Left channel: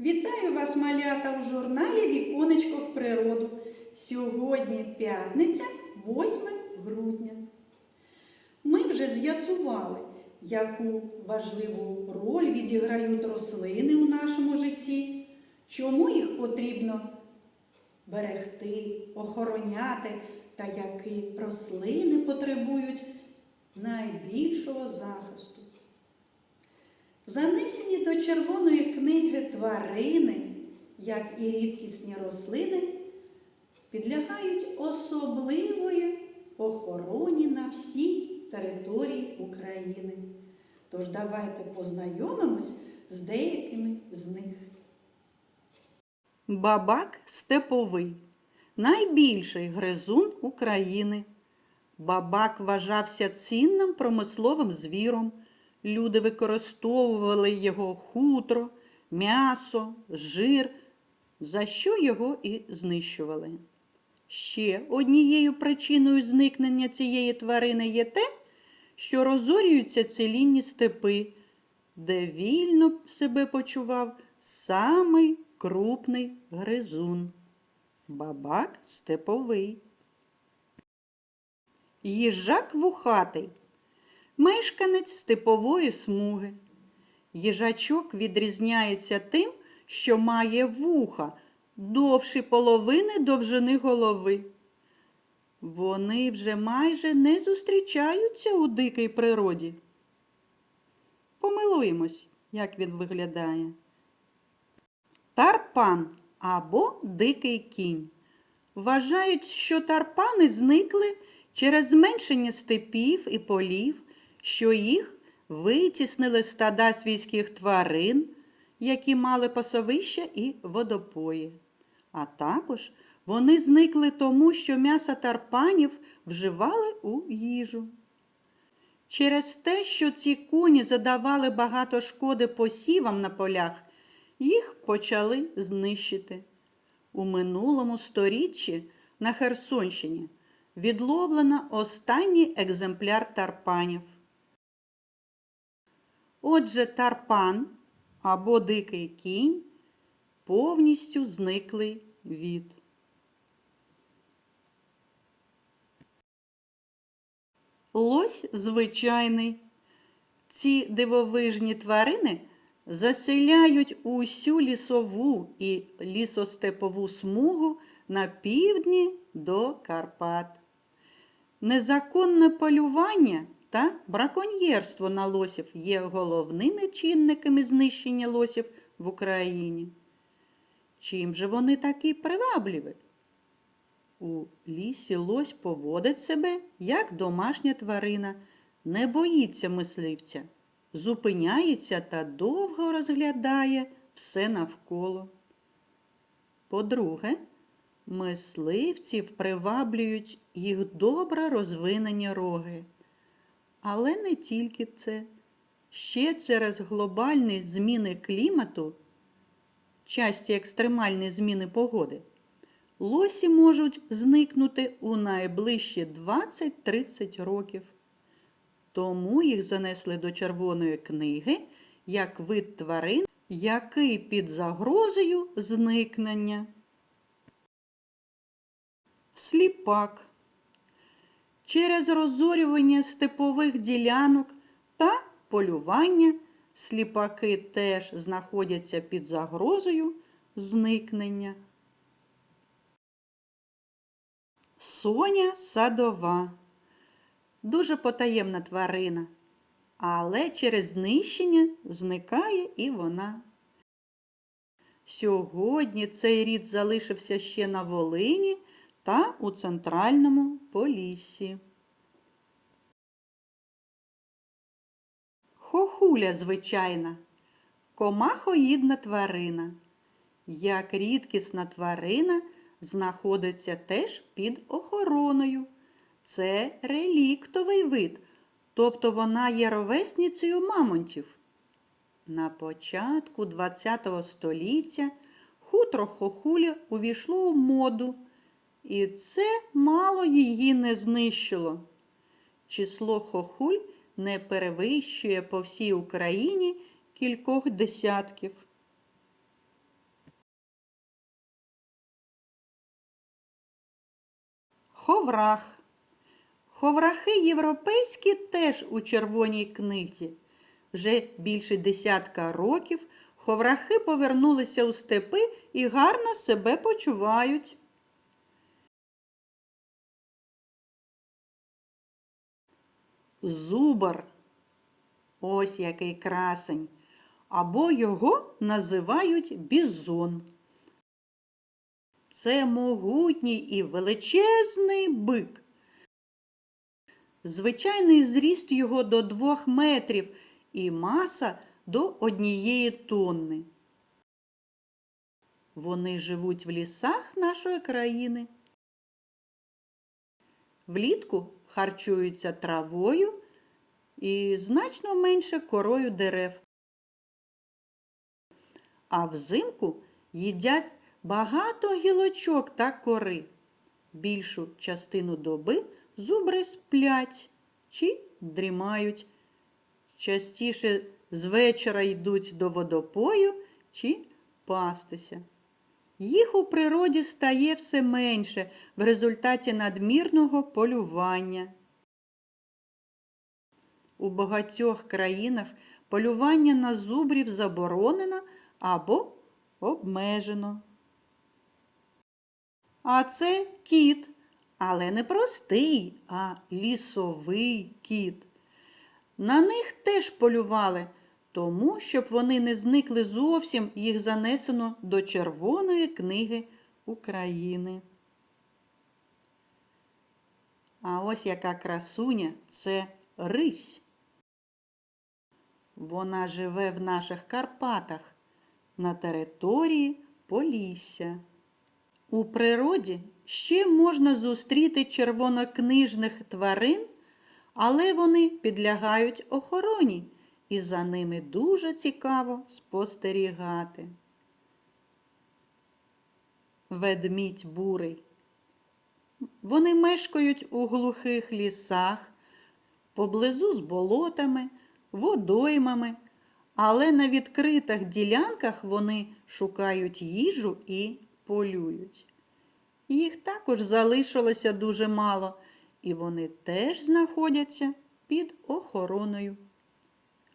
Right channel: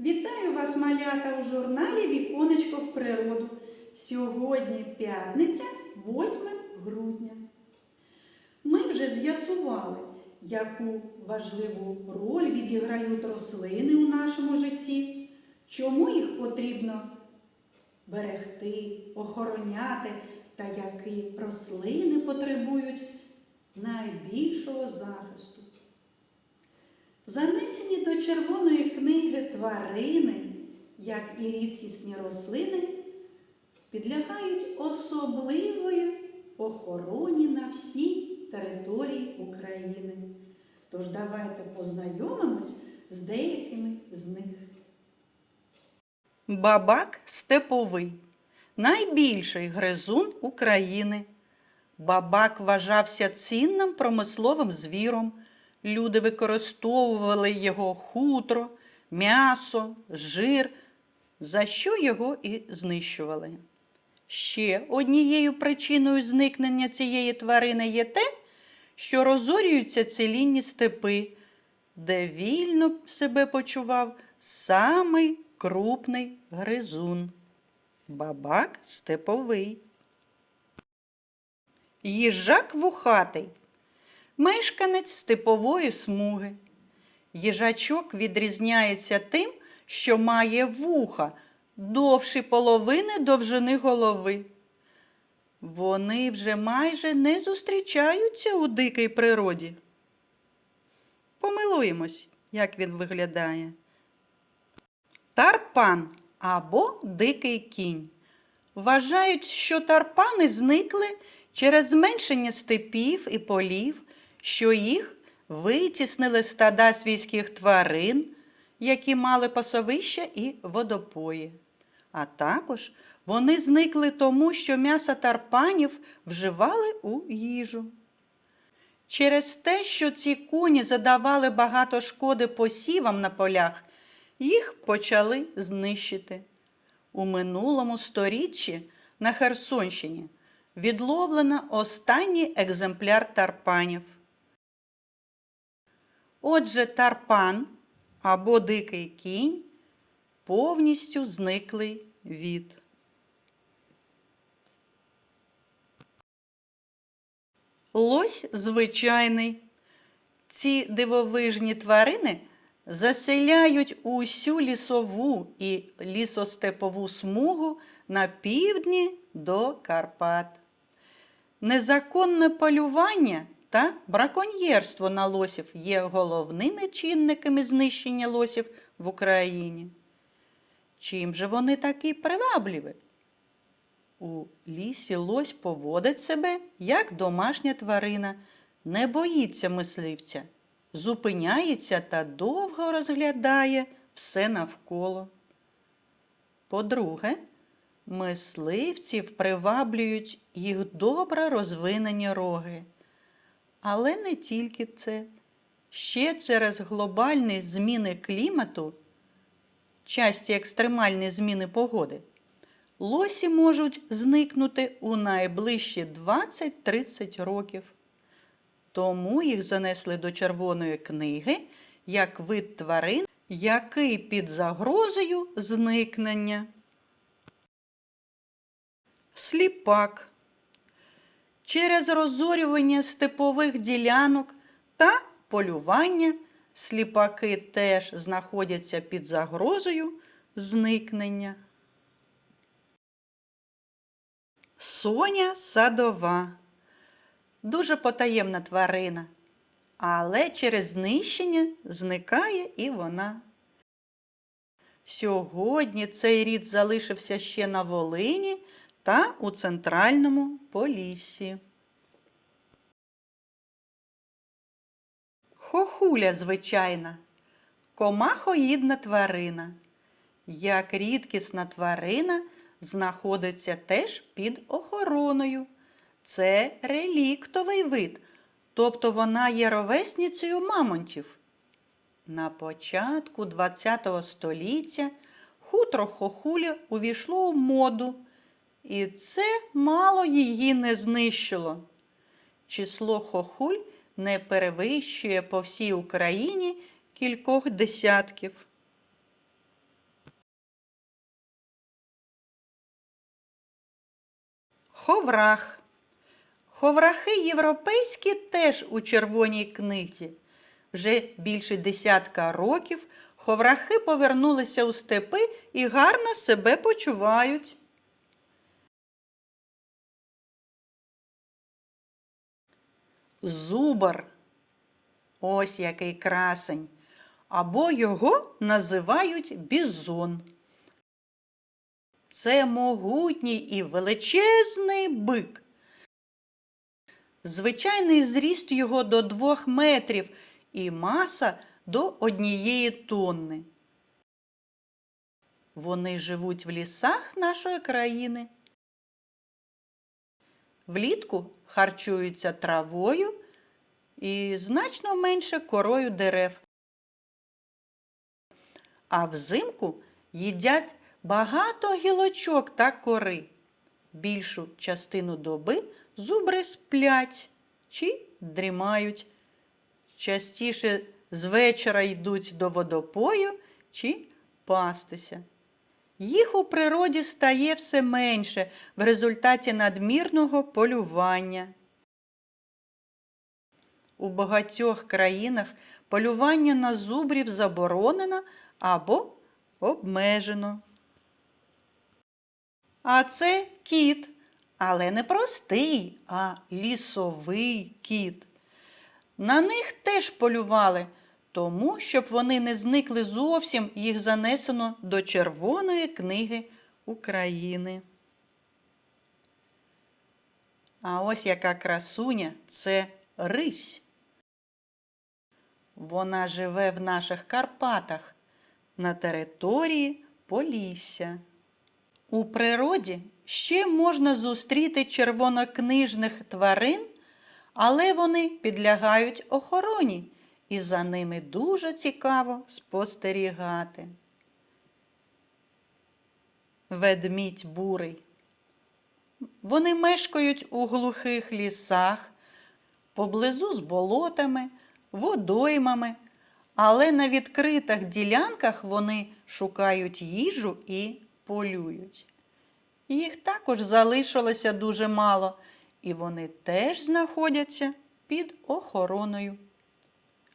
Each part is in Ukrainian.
Вітаю вас, малята, у журналі Віконечко в природу. Сьогодні п'ятниця, 8 грудня. Ми вже з'ясували, яку важливу роль відіграють рослини у нашому житті, чому їх потрібно берегти, охороняти та які рослини потребують найбільшого захисту. Занесені до червоної книги тварини, як і рідкісні рослини, підлягають особливої охороні на всій території України. Тож давайте познайомимось з деякими з них. Бабак степовий найбільший гризун України. Бабак вважався цінним промисловим звіром. Люди використовували його хутро, м'ясо, жир, за що його і знищували. Ще однією причиною зникнення цієї тварини є те, що розорюються цілінні степи, де вільно себе почував самий крупний гризун. Бабак степовий. Їжак вухатий мешканець степової смуги. Їжачок відрізняється тим, що має вуха довші половини довжини голови. Вони вже майже не зустрічаються у дикій природі. Помилуємось, як він виглядає. Тарпан або дикий кінь. Вважають, що тарпани зникли через зменшення степів і полів, що їх витіснили стада свійських тварин, які мали пасовища і водопої. А також вони зникли тому, що м'ясо тарпанів вживали у їжу. Через те, що ці коні задавали багато шкоди посівам на полях, їх почали знищити. У минулому сторіччі на Херсонщині відловлено останній екземпляр тарпанів. Отже, тарпан або дикий кінь повністю зниклий від. Лось звичайний. Ці дивовижні тварини заселяють усю лісову і лісостепову смугу на півдні до Карпат. Незаконне полювання та браконьєрство на лосів є головними чинниками знищення лосів в Україні. Чим же вони такі привабливі? У лісі лось поводить себе як домашня тварина, не боїться мисливця, зупиняється та довго розглядає все навколо. По-друге, мисливців приваблюють їх добре розвинені роги. Але не тільки це. Ще через глобальні зміни клімату, часті екстремальні зміни погоди, лосі можуть зникнути у найближчі 20-30 років. Тому їх занесли до Червоної книги як вид тварин, який під загрозою зникнення. Сліпак. Через розорювання степових ділянок та полювання сліпаки теж знаходяться під загрозою зникнення. Соня садова. Дуже потаємна тварина, але через знищення зникає і вона. Сьогодні цей рід залишився ще на Волині та у центральному Поліссі. Хохуля звичайна, комахоїдна тварина. Як рідкісна тварина знаходиться теж під охороною. Це реліктовий вид, тобто вона є ровесницею мамонтів. На початку ХХ століття хутро хохуля увійшло в моду, і це мало її не знищило. Число хохуль не перевищує по всій Україні кількох десятків. Ховрах. Ховрахи європейські теж у червоній книзі. Вже більше десятка років ховрахи повернулися у степи і гарно себе почувають. Зубар. Ось який красень. Або його називають бізон. Це могутній і величезний бик. Звичайний зріст його до двох метрів і маса до однієї тонни. Вони живуть в лісах нашої країни. Влітку харчуються травою і значно менше корою дерев. А взимку їдять багато гілочок та кори. Більшу частину доби зубри сплять чи дрімають. Частіше з вечора йдуть до водопою чи пастися. Їх у природі стає все менше в результаті надмірного полювання. У багатьох країнах полювання на зубрів заборонено або обмежено. А це кіт, але не простий, а лісовий кіт. На них теж полювали, тому, щоб вони не зникли зовсім, їх занесено до Червоної книги України. А ось яка красуня це рись. Вона живе в наших Карпатах на території Полісся. У природі ще можна зустріти червонокнижних тварин, але вони підлягають охороні, і за ними дуже цікаво спостерігати. Ведмідь бурий. Вони мешкають у глухих лісах, поблизу з болотами, водоймами, але на відкритих ділянках вони шукають їжу і полюють. Їх також залишилося дуже мало, і вони теж знаходяться під охороною.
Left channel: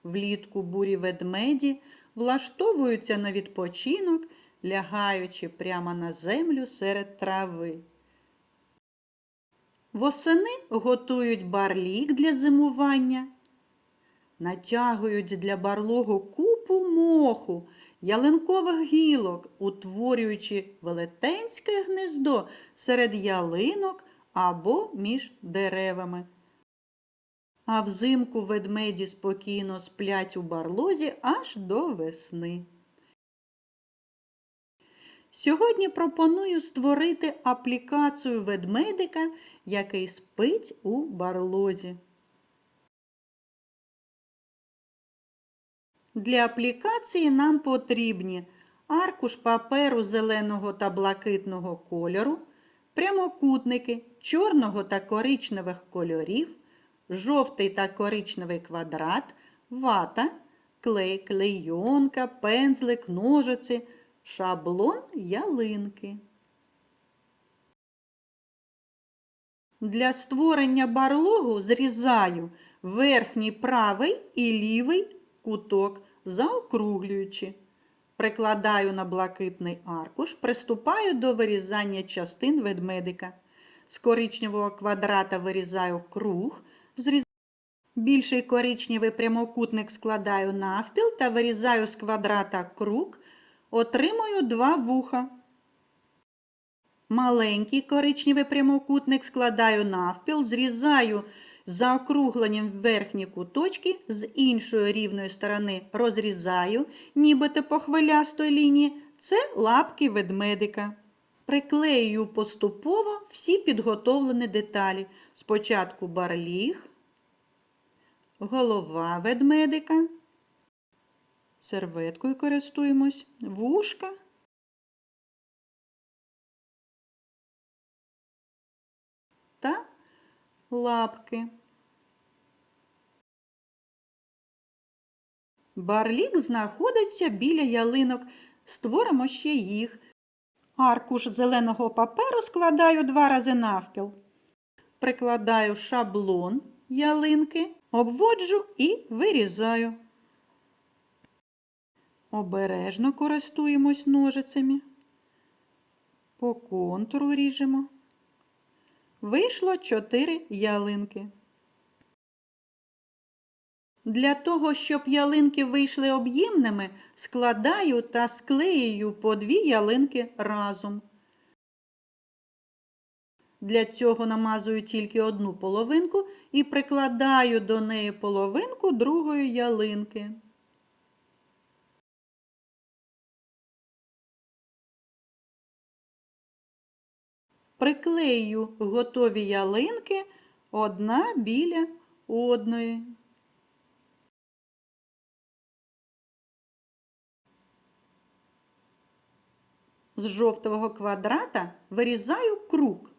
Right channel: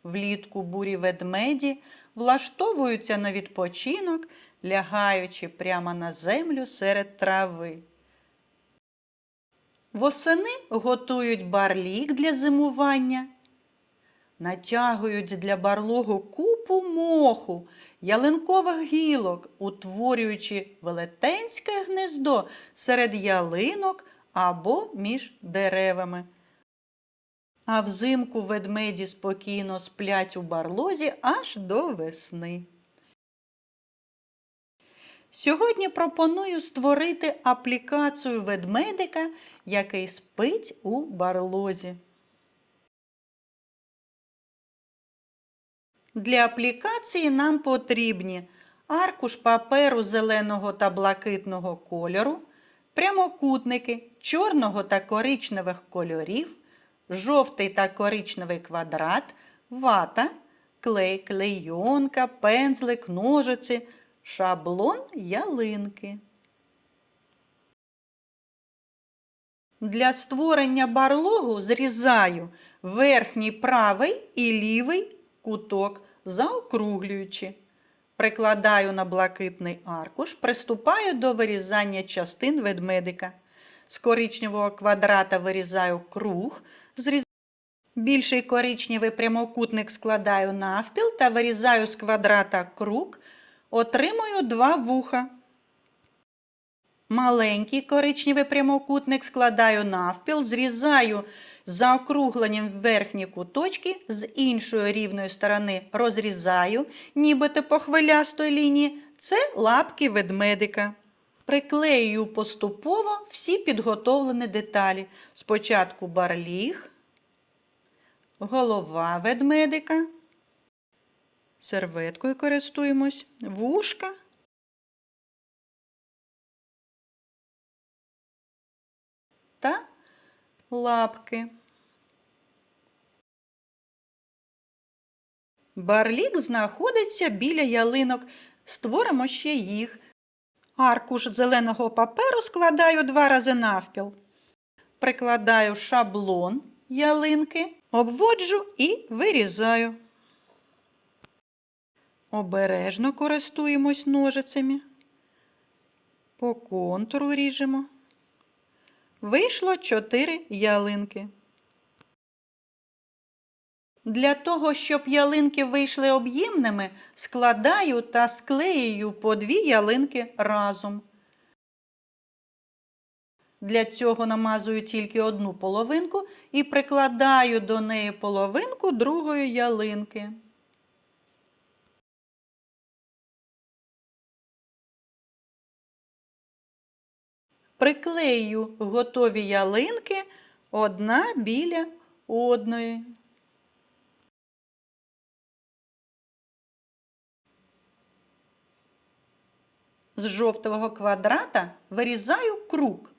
Влітку бурі ведмеді влаштовуються на відпочинок, лягаючи прямо на землю серед трави. Восени готують барлік для зимування, натягують для барлогу купу моху, ялинкових гілок, утворюючи велетенське гнездо серед ялинок або між деревами. А взимку ведмеді спокійно сплять у барлозі аж до весни. Сьогодні пропоную створити аплікацію ведмедика, який спить у барлозі. Для аплікації нам потрібні аркуш паперу зеленого та блакитного кольору, прямокутники чорного та коричневих кольорів, жовтий та коричневий квадрат, вата, клей, клейонка, пензлик, ножиці, шаблон ялинки. Для створення барлогу зрізаю верхній правий і лівий куток, заокруглюючи. Прикладаю на блакитний аркуш, приступаю до вирізання частин ведмедика. З коричневого квадрата вирізаю круг, більший коричневий прямокутник складаю навпіл та вирізаю з квадрата круг, отримую два вуха. Маленький коричневий прямокутник складаю навпіл, зрізаю за округленням верхні куточки, з іншої рівної сторони розрізаю, нібито по хвилястої лінії. Це лапки ведмедика. Приклеюю поступово всі підготовлені деталі. Спочатку барліг, голова ведмедика. Серветкою користуємось, вушка. Та лапки. Барлік знаходиться біля ялинок. Створимо ще їх. Аркуш зеленого паперу складаю два рази навпіл. прикладаю шаблон ялинки, обводжу і вирізаю. Обережно користуємось ножицями. По контуру ріжемо. Вийшло 4 ялинки. Для того, щоб ялинки вийшли об'ємними, складаю та склеюю по дві ялинки разом. Для цього намазую тільки одну половинку і прикладаю до неї половинку другої ялинки. Приклею готові ялинки одна біля одної. З жовтого квадрата вирізаю круг.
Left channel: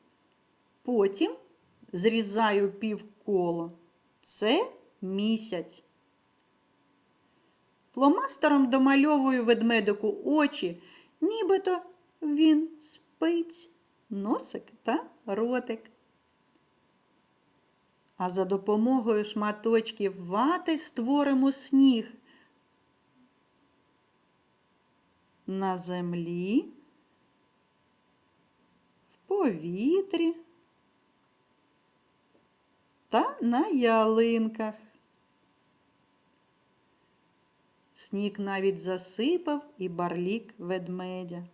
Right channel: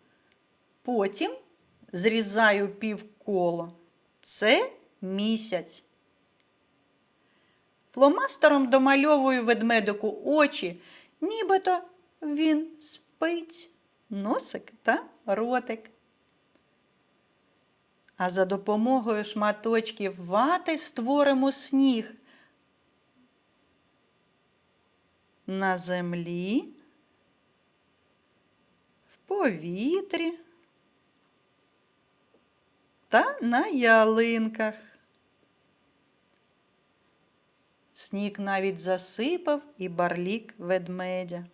Потім зрізаю півколо. Це місяць. Фломастером домальовую ведмедику очі, нібито він спить, носик та ротик. А за допомогою шматочків вати створимо сніг. На землі, в повітрі та на ялинках. Сніг навіть засипав і барлік ведмедя.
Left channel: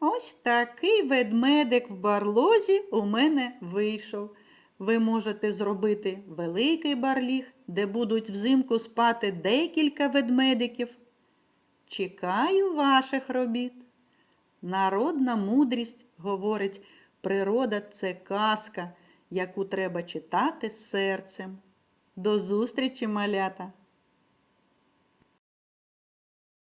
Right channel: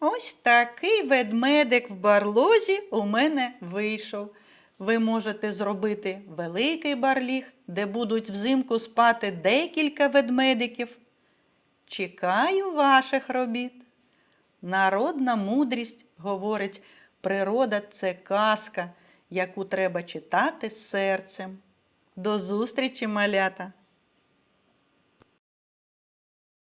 Ось такий ведмедик в барлозі у мене вийшов. Ви можете зробити великий барліг, де будуть взимку спати декілька ведмедиків. Чекаю ваших робіт. Народна мудрість говорить, природа це казка, яку треба читати серцем. До зустрічі, малята!